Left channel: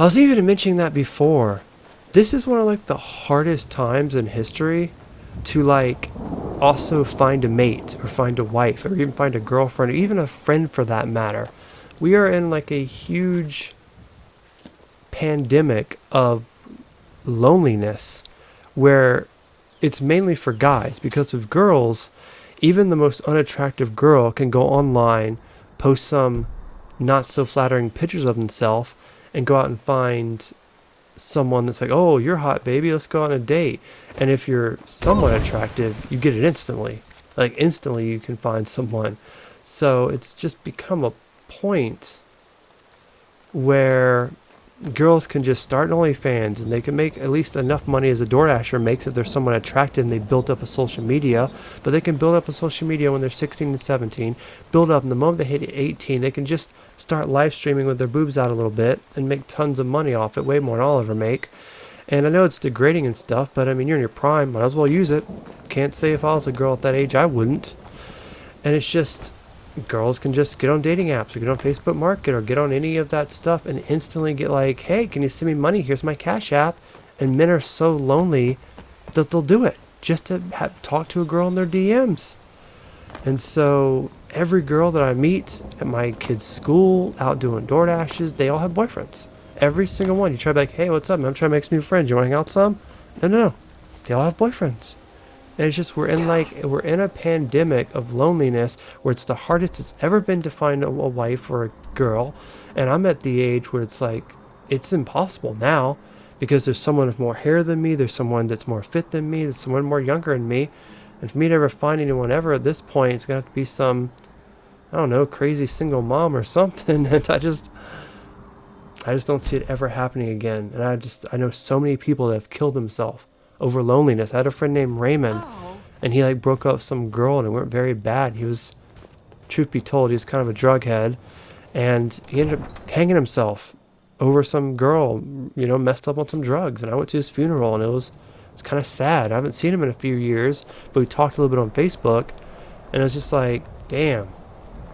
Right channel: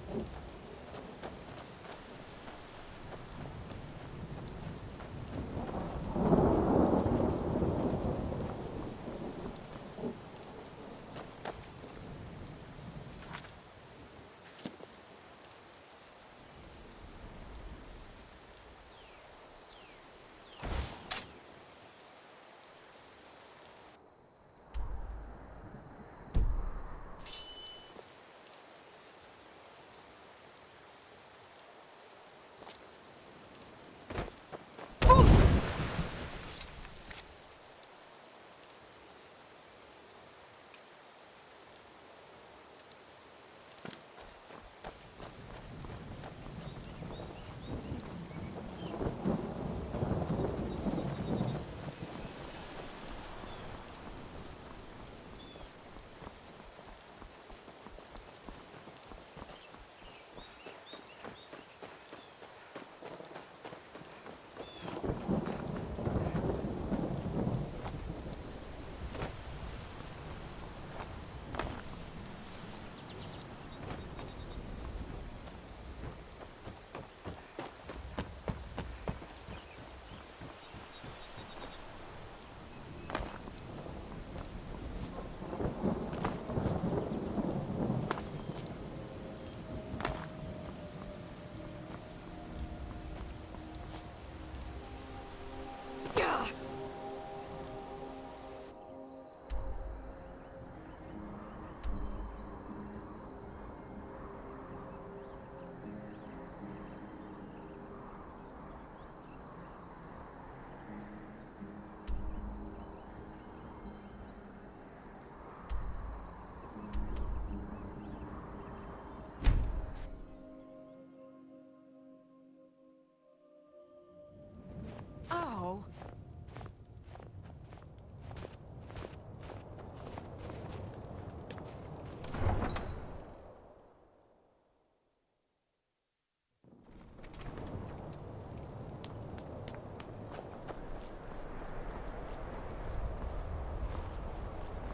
I was even mentioning that before. This is one of like the hardest times in history to like also find a mate or find a wife or even find a girlfriend or even a friend for that matter. We are in like a huge pandemic of loneliness where it's mainly for guys because of girls. Even the most unattractive girl can go online, post some not so flattering pictures of themselves, and go out and find someone that's like, oh, you're hot, baby, let's go on a date. And if you're somewhat attractive, you get it instantly. Like, instantly, you can find someone. So it's just become a point where girls can just start OnlyFans and they can make at least enough money as a DoorDasher makes if they're someone attractive and they built up a social media. But they can build up a social media when they're 16 and 17, build up, and the moment they hit 18, they can just start live streaming with their boobs out a little bit and make tons of money off it, way more than I'll ever make. And I know it's degrading and stuff, but I mean, you're in your prime, might as well use it. Can't say if I was a girl at that age, I wouldn't. And it's just, girls can just get on dating apps or get on Facebook Market or get on any of that stuff and instantly get like, hey, can you send me money? Here's my Cash App. And men are so lonely that they'll do it just to talk to a girl in their DMs. And so every girl that I meet at my kids' school, out doing DoorDashes, they all have boyfriends. Every single one. You try to be like, hey, what's up, man? I'm trying to make some new friends. You want to hang out some? No, no, no. They all have boyfriends. And it's just, we're in a pandemic of loneliness where it's the hardest it's ever been to find a wife or a girl. And I'm at the age where it's like, it's impossible now because there's someone with more hair than me. There's someone that's more fit than me. There's someone more younger than me. And for me to ever find anyone ever at this point, it's going to have to be some, I don't know, crazy single mom or something. And I just don't see it ever happening again. And I know so many people that have killed themselves over loneliness. I had a friend named Raymond, and he like broke up with some girl, and it went very bad. He was, truth be told, he was kind of a drug head, and he ended up hanging himself over some girl, you know, messed up on some drugs. And I went to his funeral, and it's kind of sad. I haven't seen him in a few years, but we talked a little bit on Facebook, and it was just like, damn.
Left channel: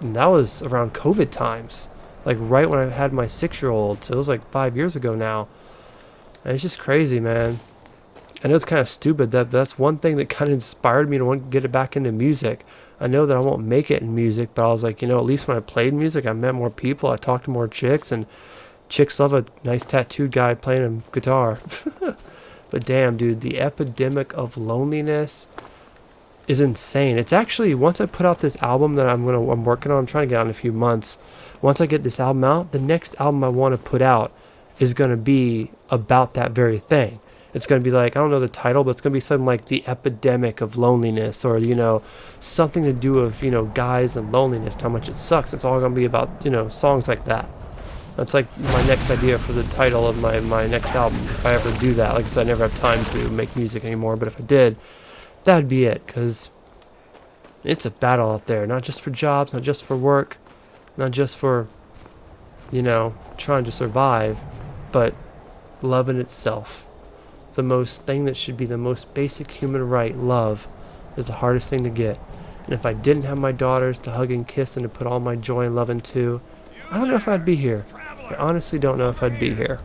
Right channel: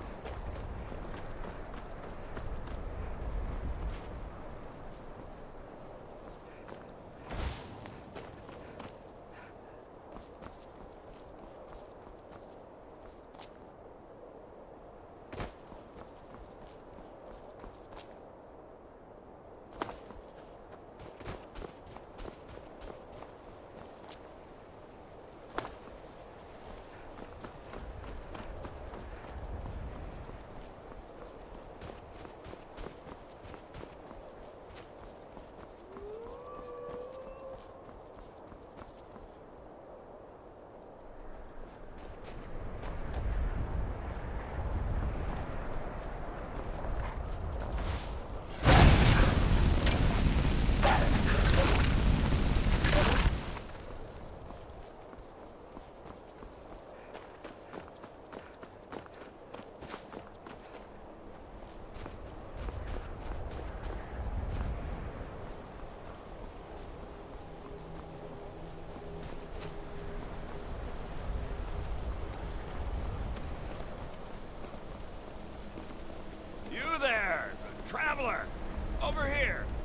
And that was around COVID times, like right when I had my 6-year-old. So it was like 5 years ago now. And it's just crazy, man. I know it's kind of stupid that's one thing that kind of inspired me to want to get it back into music. I know that I won't make it in music, but I was like, you know, at least when I played music, I met more people, I talked to more chicks, and chicks love a nice tattooed guy playing a guitar. But damn, dude, the epidemic of loneliness is insane. It's actually, once I put out this album that I'm working on, I'm trying to get out in a few months. Once I get this album out, the next album I want to put out is going to be about that very thing. It's going to be like, I don't know the title, but it's going to be something like The Epidemic of Loneliness, or, you know, something to do with, you know, guys and loneliness, how much it sucks. It's all going to be about, you know, songs like that. That's like my next idea for the title of my next album, if I ever do that. Like I said, I never have time to make music anymore, but if I did, that'd be it, because it's a battle out there, not just for jobs, not just for work, not just for, you know, trying to survive, but love in itself. The most thing that should be the most basic human right, love, is the hardest thing to get. And if I didn't have my daughters to hug and kiss and to put all my joy and love into, I don't know if I'd be here. I honestly don't know if I'd be here.